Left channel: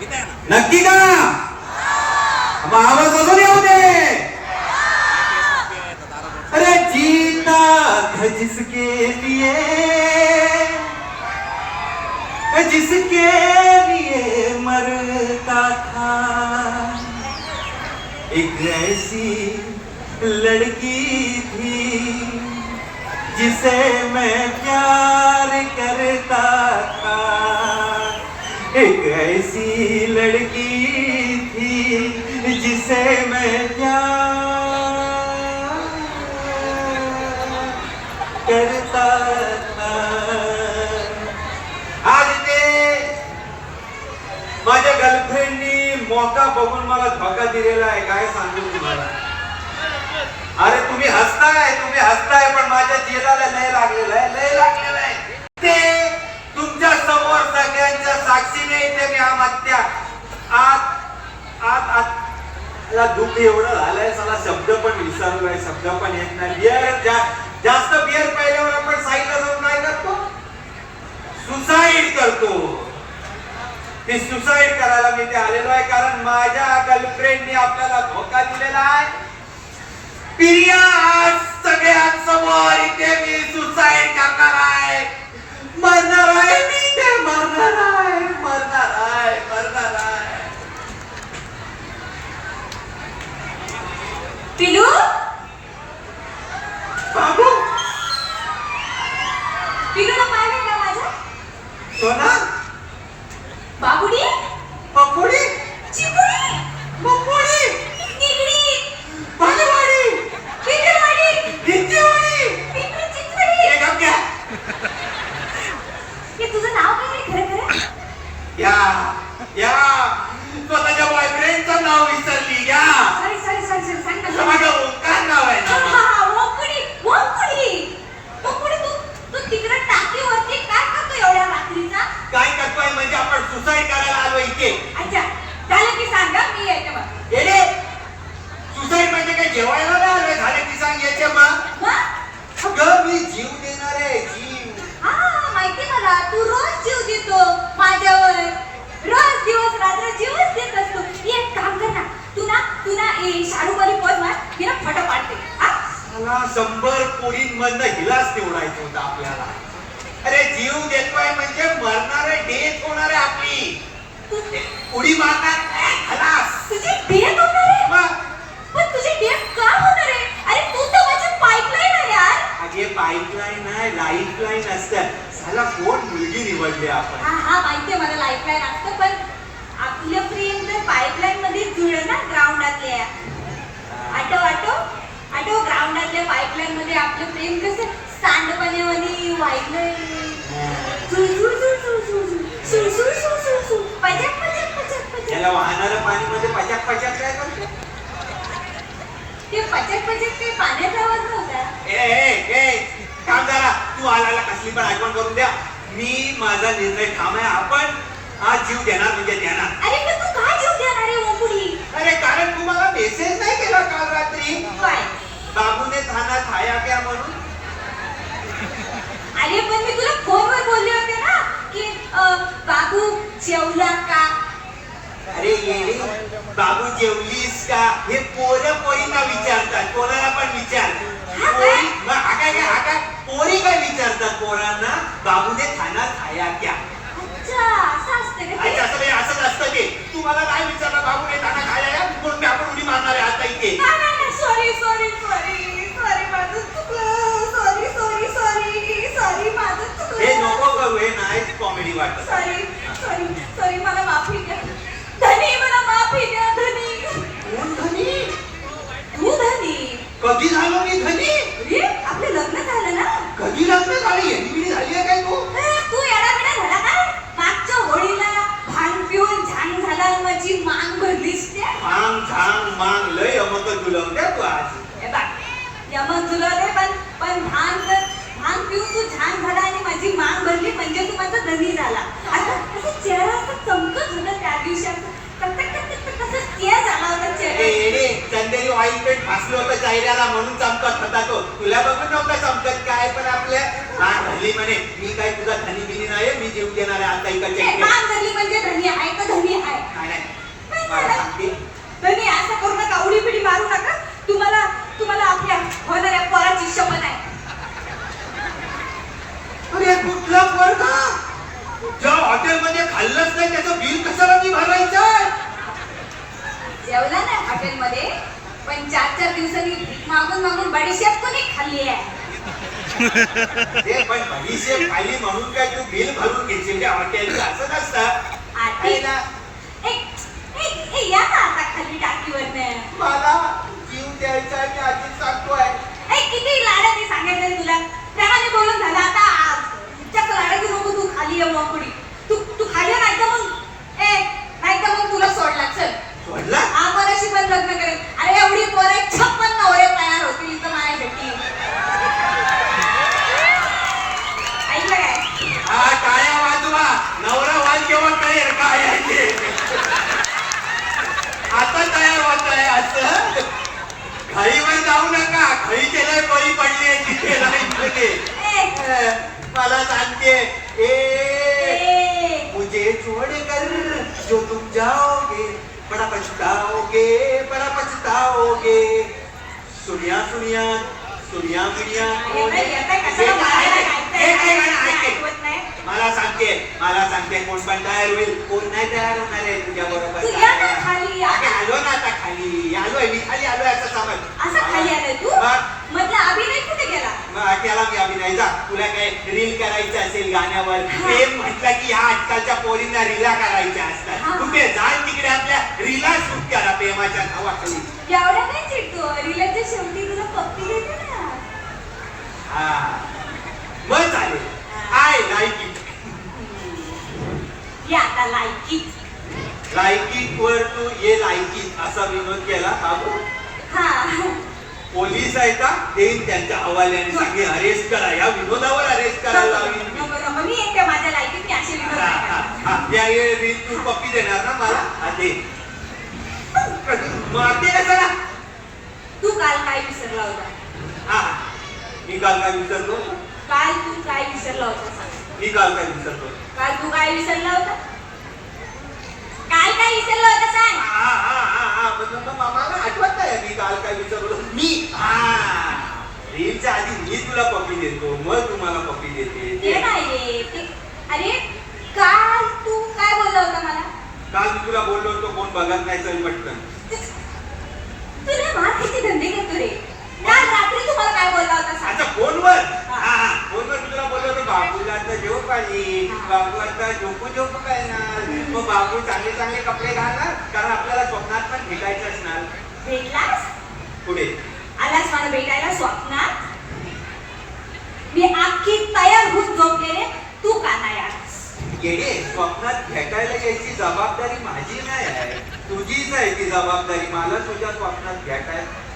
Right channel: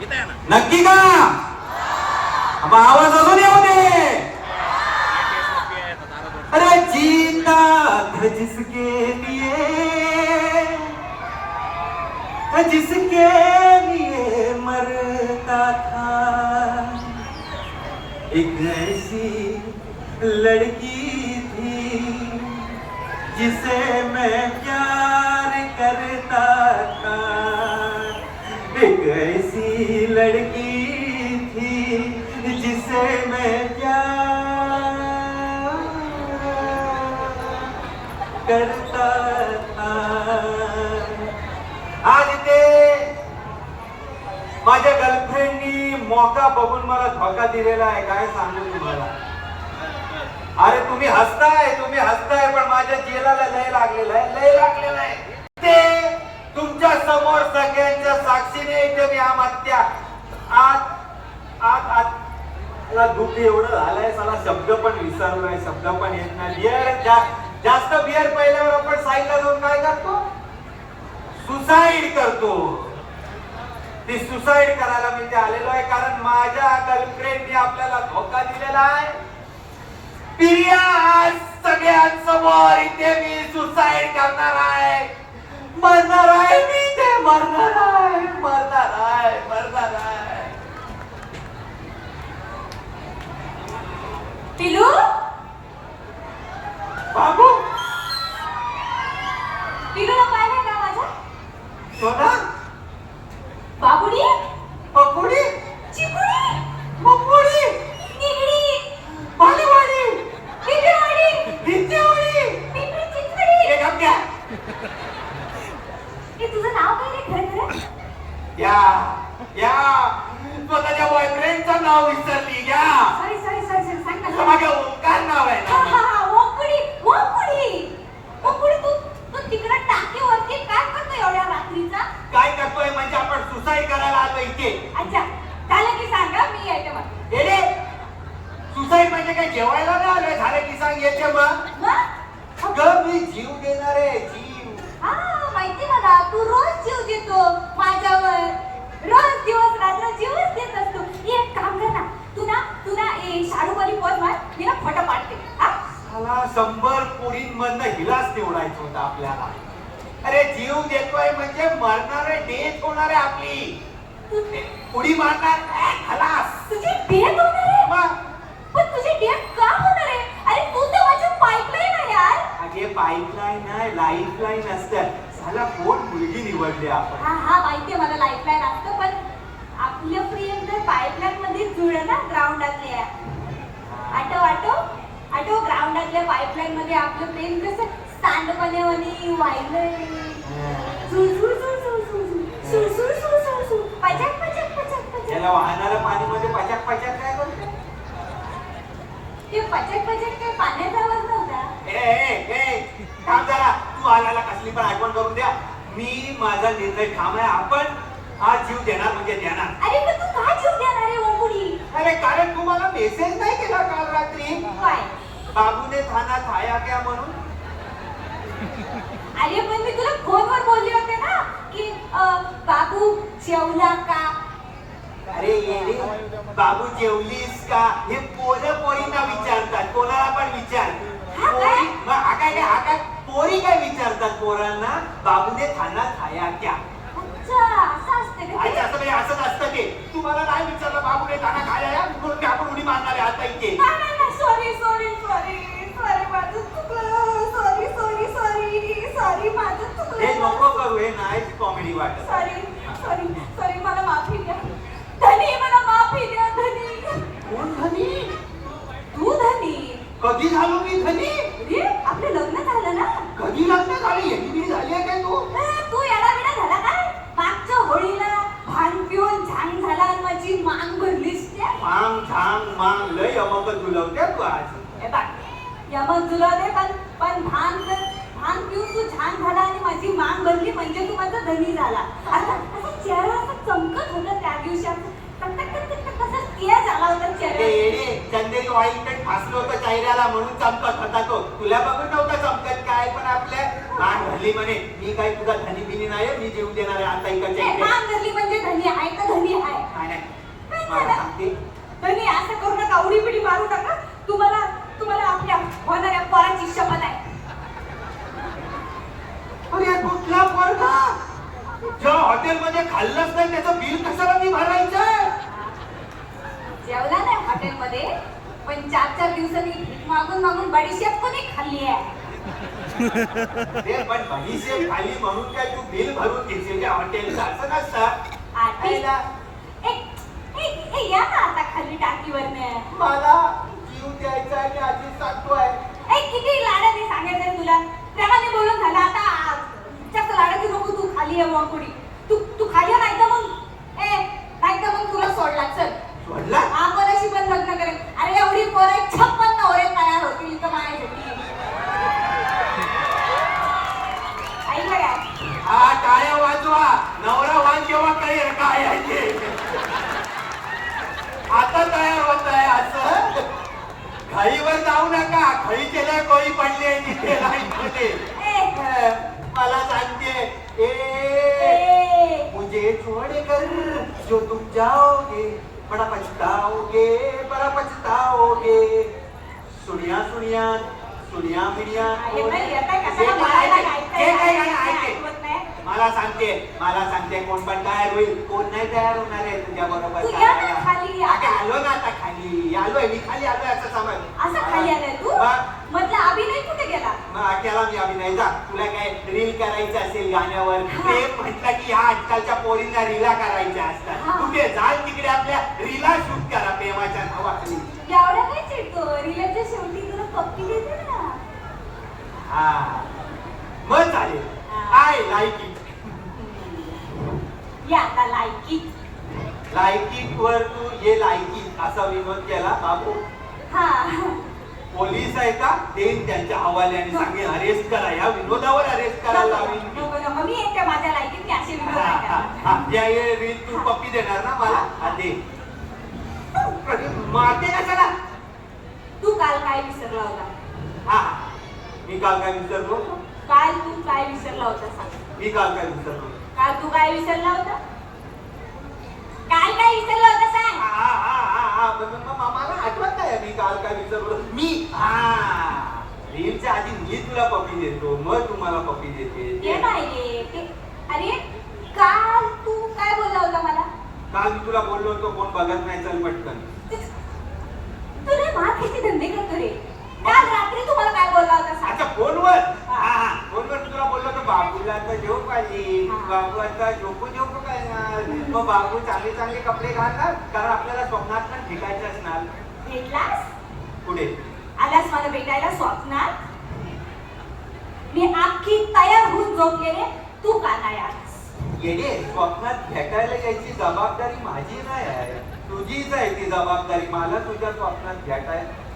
नक्की का मग आवाज़ अजून येऊ दे. अरे जीता जिसके लिए. जिसके लिए मरता था. एक ऐसी लड़की थी जिसे मैं गर्लफ्रेंडनी बघून मला धोका दिलेला आहे. काय सांगू तुम्हाला? अरे तुम्ही हसताय तुम्ही हसताय पण माझ्या चेहऱ्याला लय लागलेला आहे लय लागलेला आहे. ते तुमच्यासमोर सगळ्यांच्या साक्षीने इथे मी आत्महत्या. आत आत आत. मला दुःख एवढं झालंय मला शब्द पण विसरलो आहे शब्द पण येत नाही. बियर जास्त बियर पहिल्यावर आपण साईडला जाऊन काय करतो सुसाईड करतो. मी सुसाईड करायला मी ते आलेलो आहे कारण माझ्या गर्लफ्रेंडनी आपल्याला धोका दिलेला आहे. प्रिया आज सगळ्यांसमोर इथे मी सुसाईड करणार आहे. मरणार आहे मी ते मरणार आहे मरणार आहे मरणार आहे. पिलू बाबू पिलूला पाय नाही का माझ्या सोना बाबुडी पकोडी चिपुडी पकोडी तिगडी भाजीवाडी पिलूवाडी हिंदीवाडी पिलू चिचवडी एक अभ्या हे तुझं नाव काय रे खरं खरं या या स्वतःच्या बॉयफ्रेंडचं नाव विसरली या सॉरी सॉरी सॉरी सॉरी सांग ना माझं ओंकार नाव आहे हा ना हा हा वकुडी वकुडी वकुडी तू तू तिकडे टाकीवरती काय करतो एवढ्या रात्रीचा काय करतोय म्हणजे आपण सुसाईड करायला आलो इथे अच्छा झालं की सांगा मी येते मग येडे सुसाईड म्हणजे काय जेवायला नाही आलोय झाले की सांग याचे मग मग अगं मी जीव देणार आहे जीव हा माहिती मला तू रोज जीव देतो माझ्यावर रोज दिवस रात्र जीवच देत असतो एक काम कर ना तू ना तू ना ए शाडूवाली पद मार मी ना फटो पाडते हा मला शंभर पोळींमधनं हिलाच निवडायचं होतं आपल्याला. अरे जीव देतोय म्हणजे मरणार डेथ होणार आहे आपली उडी मारणार खलास. तुझी डेथ होणार? आहे पण तुझी डेथ का होणार? आहे अरे तू तर माझी पाईपलाईन आहे यार. अगे पाईपलाईन आहे लाईफलाईन असतं. साला कोण मुलगी निवडली आपण. हा हा माहितीये मला लाईफलाईन असतं पण आपलं प्रेम तर पाईपलाईन मध्ये जुळलं ना ग्राउंडातल्या आटो आटो. आटो ग्राउंडातल्या पाईपलाईन मध्ये आपलं प्रेम कसं? सांडपाण्यावानी वाहिलंय सुळ, सुळ, सुळ, सुळ. पचक, पचक, काय करते? ते पचक पचक काही पाण्याचा आवाज नव्हता? ए ए ए थांब जरा. तू आलाला कसली पण आठवण करून द्या. मी माझा निर्णय ठाम आहे. आपण हा जीव देणार म्हणजे देणार. अरे पण तू काय जीव देणार आहे ओंकुडी अरे कारण तुम्हाला मेसेज नाही केला काल रात्री. बाबूने थाना खाया क्या म्हणून? अरे पण मी तुला फोनवर बोलले होते ना की बाबू जेवला का? अरे येडी बाबू जेवलीस का? हे पोरं पोरींना विचारतात कोणाला पण विचार? पोरी हा काय काय? पोरी काय विचारतात पोरांना? बाबूने खाना खाया क्या? अच्छा असं असतं का ते? असं म्हणजे असंच असतं ते. तुम्हाला काय विचारलं? बाबूने खाना खाया या म्हणून मी आपण उडी मारणार आहे आता इथे. नाही, नाही, नाही, sorry, sorry, sorry, sorry, माझं चुकलं. Sorry, sorry, sorry, sorry, माझं चुकलं. हे नको करू हे नाहीच कॉमेडी वाटत Sorry, sorry, sorry, मला माफी द्या. धनी, मला माफी द्या, धनी. कोण धनी तू धनी. कधी झालो मी धनी अरे, आपलं लग्न झालं ना कधी लग्न झाली येडी झाली आहे काय तू ए, तू येडाबिडा झाला काय मागच्या होळीला भांग पिऊन झांग झाला आणि माझी मान भरलीस त्या मांग झांग मांग लय अमकल गुलवत्या तू आज हे बघ, दे पण पण भांग भांग पिऊन तू छान झाला आणि माझी मान भरली म्हणजे तू माझा धनी झाला. आता चेहरा असा चमकत होता त्या दिवशी. तेज झाला होता चेहरा चंदेरी ऑइल पेंट फासलं होतं चेहऱ्याला म्हणून चमकत होता तो. तुला बघून नव्हता चमकत काय पण आपल्या मान भरली म्हणे मी काही तुझा धनी बिनी नाही मी जीव देणार आहे आता इकडच्या हे इकडे मान भरली म्हणजे धनी आहे का धनी आहे नाही, नाही. हॉटेलमध्ये खाल्लंच नाही त्याचं बिल कशाला मी भरायचं? जेवला नाही हॉटेलमध्ये पण चार चार दिवसांनी मागून मागून बडीशेप कोणी खाल्ली आहे? ते पण बडीशेप खाली म्हणून काय तू बिल भरून घेशील त्या हॉटेलचं? असं नसतं आधी? एक एक एक या ना आता खाली टाकीवर मला जीव द्यायचा आणि आधीच सांगतोय. ए किती लाडा ते सांगायचं तुला त्याने बोलून झालं आता जास्त लाडा घेऊ नको तू खाली आहे मग पुढे तू तू खाली आहे, नाही तर मग ए नाही तर मग तुला सोडला चल सोडला आम्हालाशी पण लग्न करेल अरे एवढी पोरे छप्पन नवरे तयार होतील इथं माझ्यासाठी ऐकलं काय हा टाळ्या वाजवा नवरा वाज केव्हा कळेल काय आहे ते आता तयार होत आहे असं घाईवर जाऊ नका खळी केलंय बळी पडली तिथे नाही तिथे. ए, मला सांगते ए ए, मुझे छोड़कर जो तुम जाओगे बड़ा पछताओगे बड़ा पछताओगे. सुनिया सुनिया सुनिया मुनिया अरे बाई, आता हे कशाला काय बोलायला ऐके? मला सांगते मला सांगते कोण पण तयार होईल कोण नाही तयार होणार आहे तुझ्या बरोबर. तू खाली. आलो ना आता खाली आलोय मी खाली आलोय असं समज. असं खाली आलाय तू? मग अभिनय कुठे गेला? मग त्याला मी अभिनय जा. तुला काय रील करायचं असेल गाण्यावर प्रेम म्हटलं की ह्या आजकालच्या पोरींना रीला करायच्या. असतात. तू ते जाय तिकडे आपल्या रीला शूट करा प्रेमाच्या नावाखाली. एवढ्या नाही चिडतो रिलाच्या शेवटी तुला पप्पी देते ना. हा. मग चालेल. आय लाईक आता लायकी. इट वर तू ये इट असा विनोद केला. बाबू हा. पोलीस आहे का? देईन त्यांच्या हवाल्याने. सांगे अरेस्ट करा. या विनोदावर अरेस्ट करायला मी. नको, नको. मी येते माझ्या लायकीत मी असे विनोद हा, नाही हा, करणार. हा. तू पप्पी देणार ना मला? हा, दे. मागे कशाला तू काल काय विसरला होता? हा. मी काल काय विसरलो? काल तू काय विसरला होता सांग. मी काल काय विसरलो? काल तू काय विसरला होता? काल काय विसरला होता सांग. हा, हा, हा, हा. म- म- म- मला आठवत नाही मी काल काय विसरलो. मी? हा. रीलच्या आधी मी तुला पप्पी देतो. मग तुम्हाला पप्पी देते. ते नाही रे. ते अरे काल तू काय बोलला होता मला? काल मी तुला बोललो होतो कोण बघत नाही चल पटकन तुला मार किती धंदे करतो रे काल रात्री तू मला काय बोलला होता सांग अच्छा फोनवर हा हा फोनवर तुला बोललो होतो बाबूला आता झोप आली बाबू आता झोपू झोपू काय ना मग बाबू चांगले चांगले कपडे घालणार कारण आपल्याला स्वप्नात पण भेटायचं असणार भेटलास पुढे. आलास मला भेटायला स्वप्नात? मी अख्खी तयार होऊन झोपलेले तू का नाही आलास? येडे स्वप्नात भेटायला यायची जबाबदारी माझी नाही आहे. तुझीच आहे ती जबाबदारी. मला तुझ्या स्वप्नात भेटायला